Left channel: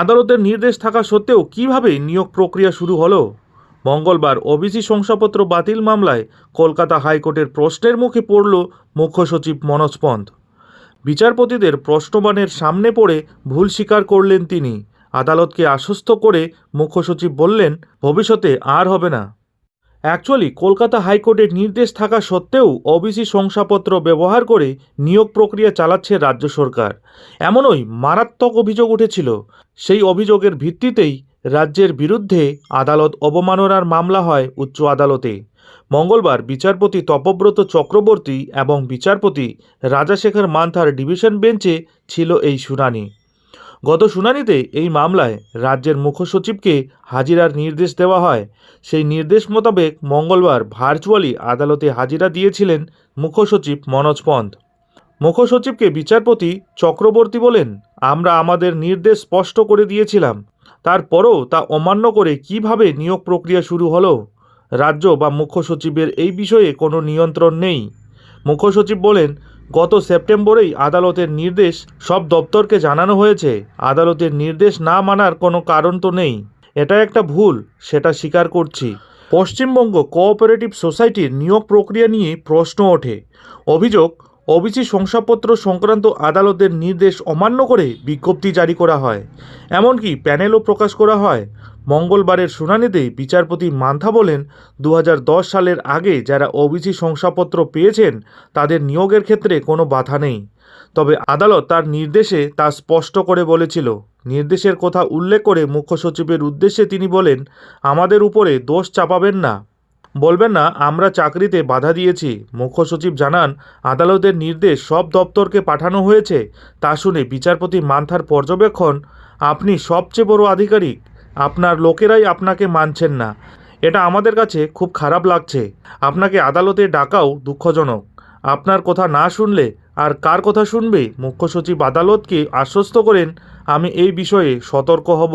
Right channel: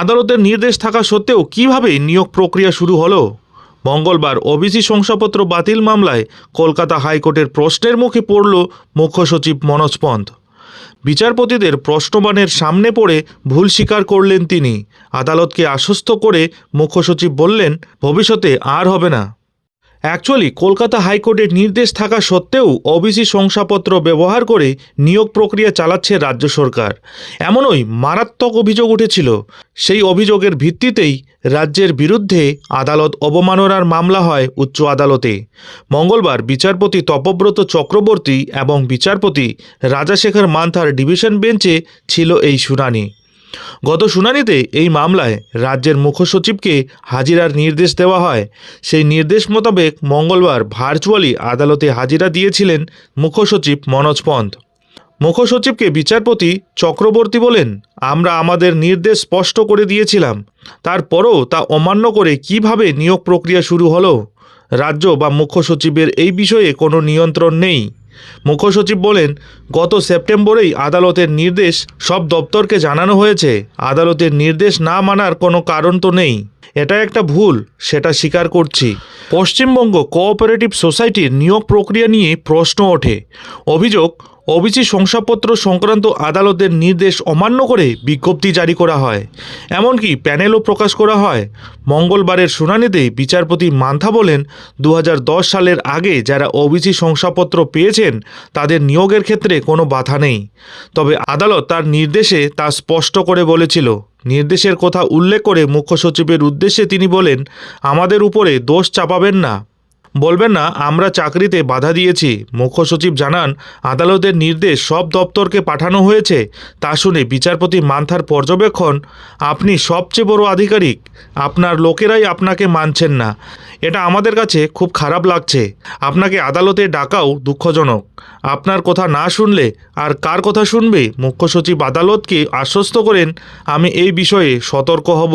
আদালতের নির্দেশ থাকা সত্ত্বেও কীভাবে নিয়োগ প্রক্রিয়া শুরু হলো? মঙ্গলবার ওবিসি শংসাপত্র বাতিল মামলায় কলকাতা হাইকোর্টের প্রশ্নের মুখে পড়ল মুখ্য সচিব মনোজ পন্থ। বিচারপতিদের প্রশ্নবানের সামনে পড়ে ভুল স্বীকার করলেন তিনি। আদালতকে আশ্বস্ত করে মুখ্য সচিব বললেন, ভবিষ্যতে আর হবে না। অ্যাকচুয়ালি কলকাতা হাইকোর্টের নির্দেশ থাকা সত্ত্বেও ওবিসি শংসাপত্র ব্যবহার করে নিয়োগ প্রক্রিয়া চালাচ্ছে রাজ্য সরকার। এমনই মারাত্মক অভিযোগ উঠেছিল। সেই অভিযোগের ভিত্তিতেই রাজ্যের বিরুদ্ধে আদালত অবমাননার মামলা হয় উচ্চ আদালতে। মঙ্গলবার বিচারপতি তপব্রত চক্রবর্তী এবং বিচারপতি রাজাশেখর মান্থার ডিভিশন বেঞ্চে ছিল এই শুনানি। গত শুনানিতে এই মামলায় রাজ্যের মুখ্য সচিবকে হাজিরার নির্দেশ দেওয়া হয়। সেই নির্দেশ মোতাবেক মঙ্গলবার ভার্চুয়ালি আদালতে হাজিরা দিয়েছিলেন মুখ্য সচিব মনোজ পন্থ। মুখ্য সচিবকে বিচারপতি চক্রবর্তী বলেন, আমরা আমাদের নির্দেশ স্পষ্ট করে দিয়েছিলাম। তারপরও তা অমান্য করে কীভাবে নিয়োগ প্রক্রিয়া শুরু হলো? রাজ্য বা মুখ্য সচিবের এই বিষয়ে কোনো নিয়ন্ত্রণ নেই। মুখ্য সচিব বলেন, গত সেপ্টেম্বরেই আদালতের নির্দেশ সব দপ্তরকে জানানো হয়েছে। আদালতের নির্দেশ না মানার কোনো কারণ তো নেই। এটা একটা ভুল, সেটা স্বীকার করছি। পশ্চিমবঙ্গ কোঅপারেটিভ সোসাইটির নিয়োগ প্রক্রিয়া নিয়ে প্রশ্ন ওঠে। অভিযোগ ওবিসি শংসাপত্র সংক্রান্ত আদালতের নির্দেশ অমান্য করে বিজ্ঞপ্তি জারি করা হয়। এমনকি প্যানেলও প্রকাশ করা হয়। মঙ্গলবারের শুনানিতে বিচারপতি মান্থা বলেন দু হাজার দশ সালের আগে যারা ওবিসি শংসাপত্র পেয়েছেন, তাদের নিয়োগের ক্ষেত্রে কোনো বাধা নেই। তবে আদালত তার নির্দেশে তা স্পষ্ট করে বলেছিল। নির্দেশের কথা উল্লেখ করে মুখ্য সচিবের উদ্দেশ্যে তিনি বলেন, আমাদের উপরে দোষ চাপাবেন না। বলবেন না, আমরা চাকরিতে বাধা দিয়েছি। মুখ্য সচিব জানান, আদালতের নির্দেশ সব দপ্তরকে পাঠানো হয়েছে। তা শুনে বিচারপতি মান্থার পর্যবেক্ষণ, আপনি সবচেয়ে বড় আধিকারিক, আপনার লোকেরাই আপনাকে মানছেন না। এটা আমাদের কাছে খুব খারাপ লাগছে। আপনাকে আদালতে ডাকাও দুঃখজনক। আপনার কথা না শুনলে আর কার কথা শুনবে? মুখ্য সচিব আদালতকে আশ্বস্ত করেন, আমি এই বিষয়ে সতর্ক হব।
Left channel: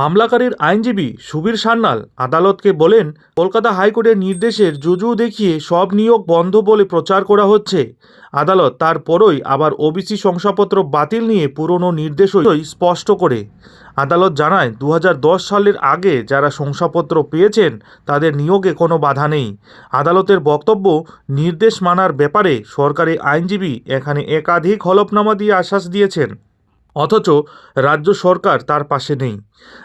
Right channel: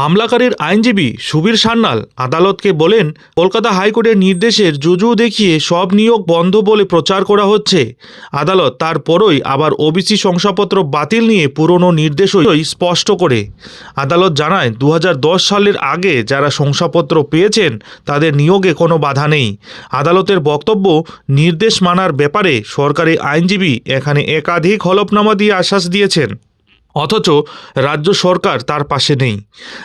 মামলাকারীর আইনজীবী সুবীর সান্যাল আদালতকে বলেন, কলকাতা হাইকোর্টের নির্দেশের জুজু দেখিয়ে সব নিয়োগ বন্ধ বলে প্রচার করা হচ্ছে। আদালত তারপরই আবার ওবিসি শংসাপত্র বাতিল নিয়ে পুরনো নির্দেশই স্পষ্ট করে। আদালত জানায় দু হাজার দশ সালের আগে যারা শংসাপত্র পেয়েছেন, তাদের নিয়োগে কোনো বাধা নেই। আদালতের বক্তব্য, নির্দেশ মানার ব্যাপারে সরকারি আইনজীবী এখানে একাধিক হলফনামা দিয়ে আশ্বাস দিয়েছেন। অথচ রাজ্য সরকার তার পাশে নেই।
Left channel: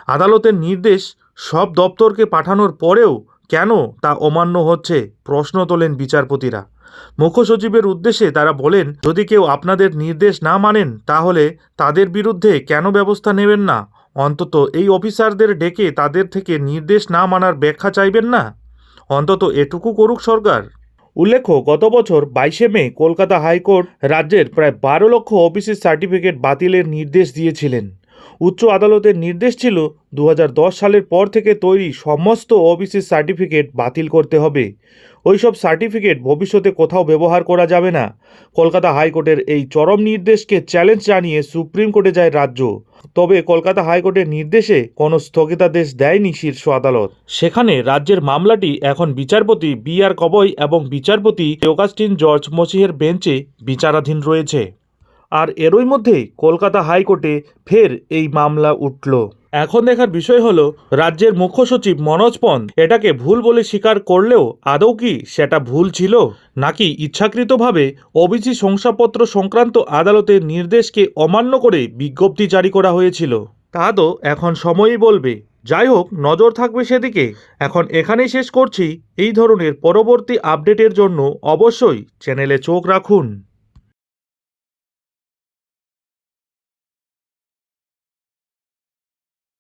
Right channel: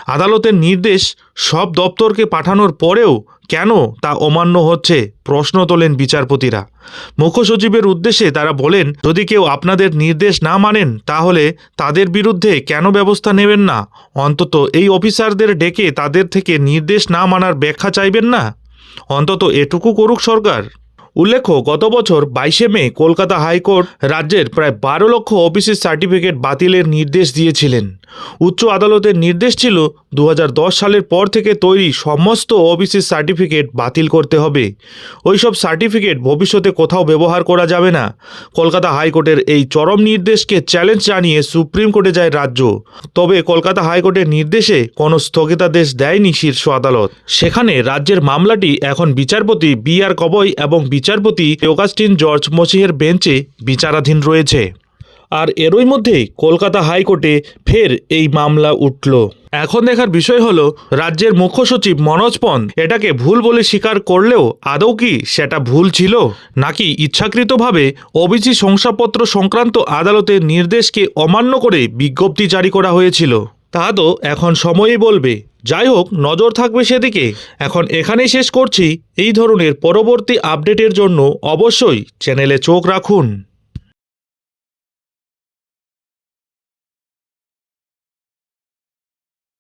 আদালতের নির্দেশ সব দপ্তরকে পাঠানোর পরেও কেন তা অমান্য হচ্ছে প্রশ্ন তোলেন বিচারপতিরা। মুখ্য সচিবের উদ্দেশ্যে তারা বলেন, যদি কেউ আপনাদের নির্দেশ না মানেন, তাহলে তাদের বিরুদ্ধে কেন ব্যবস্থা নেবেন না? অন্তত এই অফিসারদের ডেকে তাদের থেকে নির্দেশ না মানার ব্যাখ্যা চাইবেন না? অন্তত এটুকু করুক সরকার। উল্লেখ্য, গত বছর বাইশে মে কলকাতা হাইকোর্ট রাজ্যের প্রায় বারো লক্ষ অফিসের সার্টিফিকেট বাতিলের নির্দেশ দিয়েছিলেন। উচ্চ আদালতের নির্দেশ ছিল দু হাজার দশ সালের পর থেকে তৈরি সমস্ত ওবিসি সার্টিফিকেট বাতিল করতে হবে। ওইসব সার্টিফিকেট ভবিষ্যতে কোথাও ব্যবহার করা যাবে না। কলকাতা হাইকোর্টের এই চরম নির্দেশকে চ্যালেঞ্জ জানিয়ে সুপ্রিম কোর্টে যায় রাজ্য। তবে কলকাতা হাইকোর্টের নির্দেশে কোনো স্থগিতাদেশ দেয়নি শীর্ষ আদালত। সেখানে রাজ্যের মামলাটি এখন বিচারপতি বি আর কবই এবং বিচারপতি অগাস্টিন জর্জ মসিহের বেঞ্চে বিচারাধীন রয়েছে। আর এরই মধ্যেই কলকাতা হাইকোর্টে ফের এই মামলা উঠল। এখন দেখার বিষয় হলো, রাজ্যের মুখ্য সচিব মনোজ পন্থ এটাকে ভুল বলে স্বীকার করলেও আদৌ কি সেটা ভুল ছিল? নাকি ইচ্ছাকৃতভাবে ওবিসি শংসাপত্র সংক্রান্ত আদালতের নির্দেশকে অমান্য করে বিজ্ঞপ্তি জারি করা হয়েছিল? তা তো এখন সময়ই বলবে। যাই হোক, নজর থাকবে সেদিকে। এখন এখানেই শেষ করছি। এই ধরনের পরবর্তী আপডেটের জন্য অবশ্যই চ্যানেলে চোখ রাখুন।